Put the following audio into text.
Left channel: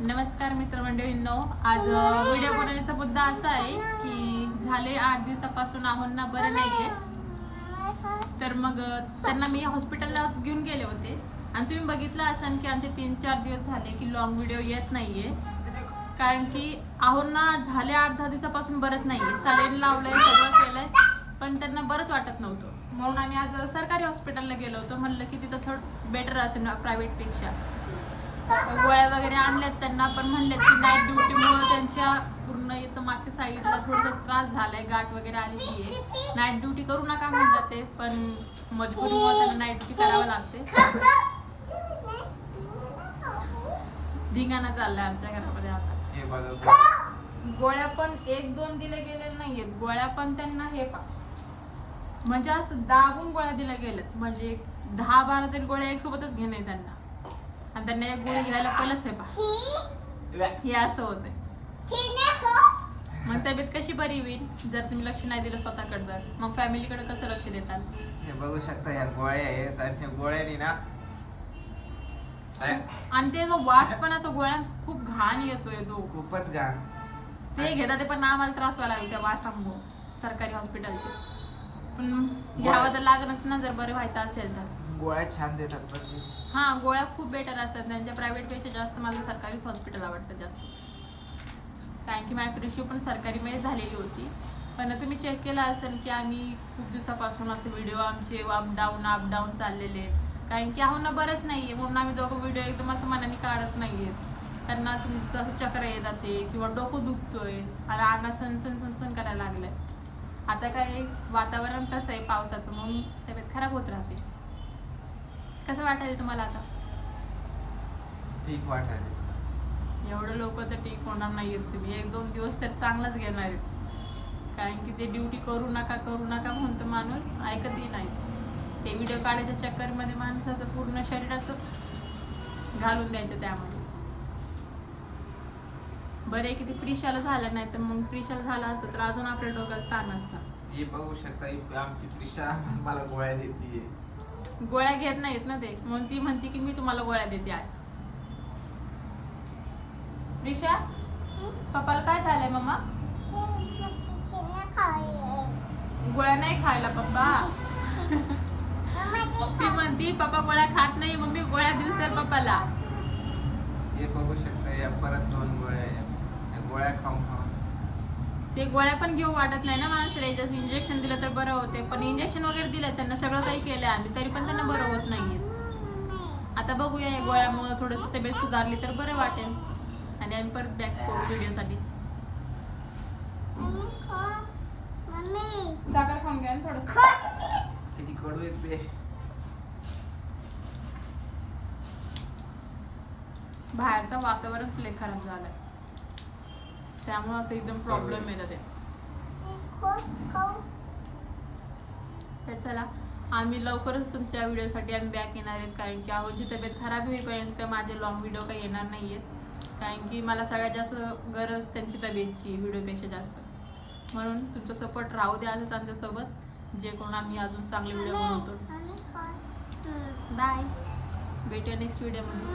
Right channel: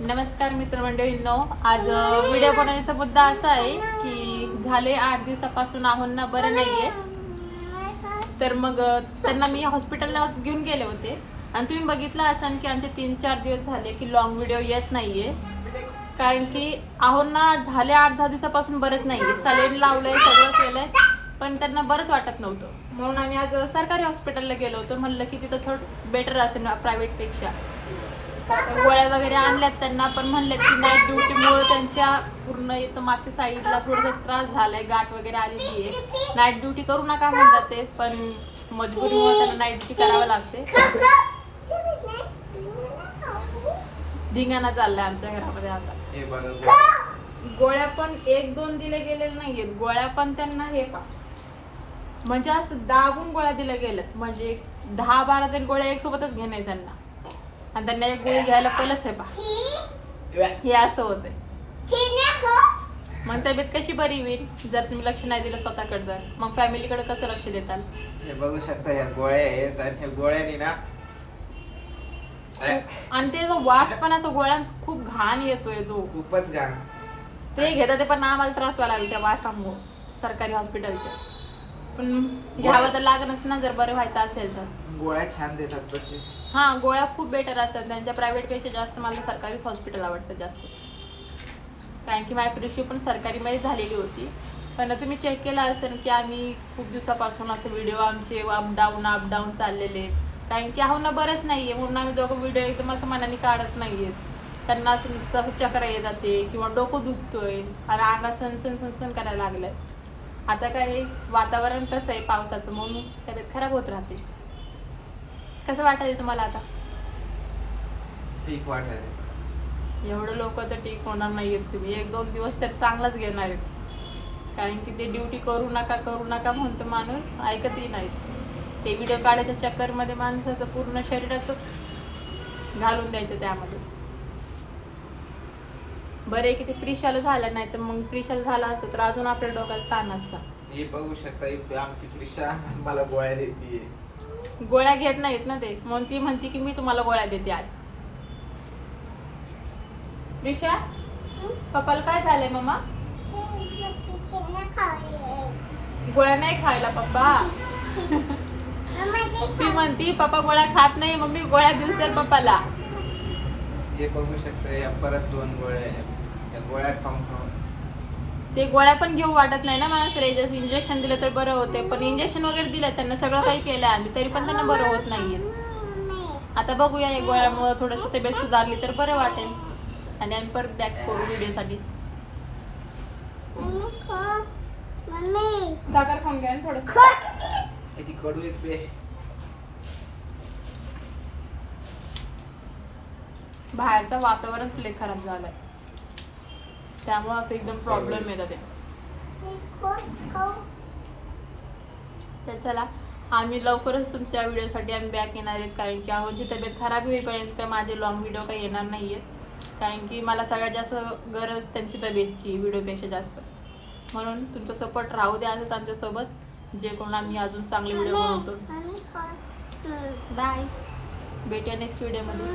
नमस्कार मित्रमंडळींनो, आज व्हिडिओ बनवण्याचा मुद्दा असा आहे की झाले 8 दिवसापासून आहोंना बरं नाहीये. तर मग त्यांना मी हॉस्पिटलला घेऊन गेले होते आणि तुम्ही बघितलं असाल की आमचे 3-4 दिवस झाले की लॉंग व्हिडिओ येत नाहीये, कारण की आहोंना झाले 8-10 दिवसापासून बरंच नाहीये. सलाईन लावलंय, सगळं केलंय, पण त्यांना बरंच वाटत नव्हतं. म्हणून आम्ही आज सरकारी हॉस्पिटलला गेलो होतो. म्हणलं की तिथं थोडं बेटर असेल प्रायव्हेटपेक्षा. गोळ्या वगैरे आणल्यात त्यांना, पण म्हणलेत की नाईट ड्युटीमुळे त्यांच्या पूर्ण इथं मागच्या साईडला थोडासा त्रास झालाय, गाठ वगैरे आलेली आहे. नाईट ड्युटी करू नका म्हणतात ते, पण मजबुरीमुळे त्यांना नाईट ड्युटी करावं लागते. धिंगाणा चाललाय आमच्या घरामध्ये आता. गोळ्या पण 1-2 दिले गेलेले नाहीयेत. गोळ्या पण त्यांना हे पा म्हणजे असं दाबून गोळ्या दिल्या गेल्यात, म्हणजे 10-12 तरी गोळ्या एक सोबतच घेणे त्यांना. आणि त्यांना एक गोळी घ्यायला पहिलंच आहे पा, हे असं होतंय. मग तब्येत कशी बरी होईल जर तुम्ही लक्ष नाही दिलं स्वतःकडे? तर मग फॅमिलीकडे कसं लक्ष देताल? हे बघू शकता, ह्या गोळ्या आहेत आणि ह्या गोळ्यानी ना, आणि ते वास पण असं गोळ्यांचा खूप घाण येतोय, तो खूपच घाण. ते घेतात ते, पण आम्हाला त्रास व्हायला लागला त्या वासामुळे सरकारी हॉस्पिटलचे. पण घ्यावं तर लागणच ना जर बरं व्हायचं असेल तर. गोळ्या छान देतात पण हा, गोळ्या खूप बेटर असतात त्यांच्या. प्रायव्हेटपेक्षा जास्त मला सरकारीच हॉस्पिटल आवडतं जास्त, कारण की माझी प्रिशू पण सरकारीमध्ये झालेली होती. पण तुम्ही चेक केला असेल की आम्ही खूप दिवसापासून असे व्हिडिओ आमचे अपडाऊन चाललेले, कारण की आहोंना बरंच नाहीये. म्हणून आम्ही दोघं व्हिडिओ एकदम असं मनाने काढत नाहीयेत. त्यांना असं नुसतं असं चक्र येत जाते किंवा डोकं दुखतोय आणि अंगात सनसन करायला लागलंय. आता काय वातावरण तसं आहे पावसाचं, म्हणून तब्येत खराब होत राहते. कसं वाटायला तुम्हाला आता? ठीक वाटायला. एवढं लोक तर ठीक होणार नाहीयेत. तुम्ही 1-2 दिवस तर चांगलाच घेणार आहेत, कारण की ते ड्युटी करू नका म्हणतो माणूस, ऐकतही नाहीत. ते व्हिडिओ काढायच्या चक्करमध्ये माणसाचं पूर्ण शरीराचं घालून द्यायचं त्यामध्ये. बरे की ते प्रिशाला झालं नाही, तर मग प्रिशाला झालं असतं तर अजून आपल्या डोक्याला ताण असता. हे बघू शकता, आमची प्रिशा मला गोळ्या देते. गोळ्या घेत नाहीत ना ते, म्हणून ती म्हणते की मी तुम्हाला गोळ्या देते आज. प्रिशा, पप्पाला काय झालंय मम्मा? गोळ्या नाही खायला पप्पा. ती म्हणती पप्पा गोळ्या खात नाही, मम्मी गोळ्या दिवसेल पप्पाला. हे बघू शकता, या परत 2 गोळ्या आहेत. या गोळ्या खाऊन ते गोळ्या पण घेऊ वाटत नाही ना माणसाला. इंजेक्शन दिलं तर बरं होते, पण इंजेक्शन वगैरे दिलं त्यांना, सगळं काही केलं आम्ही, तरी पण त्यांना बरं होत नाहीये. आता बघूया, या गोळ्यामुळे थोडंसं तब्येत सुधारली तर बरं वाटेल आणि आम्ही परत बॅक करू व्हिडिओसाठी. साखर खाऊन घ्या थोडं. किती कडू आहेत बे. बाहेरचं वातावरण लय खराब झालंय, त्यामुळे असं एकदम प्रॉब्लेम येतात ते. चला, आम्ही लवकरच तुमच्या व्हिडिओसाठी आम्ही बॅक येणार आहेत, कारण की आहोंची तब्येत खराब होईपर्यंत माझे लॉंग व्हिडिओ काही येणार नाहीयेत, कारण की मला सगळ्यात जास्त गरज त्यांची तब्येतची व्हिडिओपेक्षा जास्त. म्हणून तुमचा सपोर्ट राहू द्या असंच आमच्यासोबत, जे कोण आम्ही अजून चांगले व्हिडिओ बनवतो. बाय, भेटूया नेक्स्ट व्हिडिओमध्ये.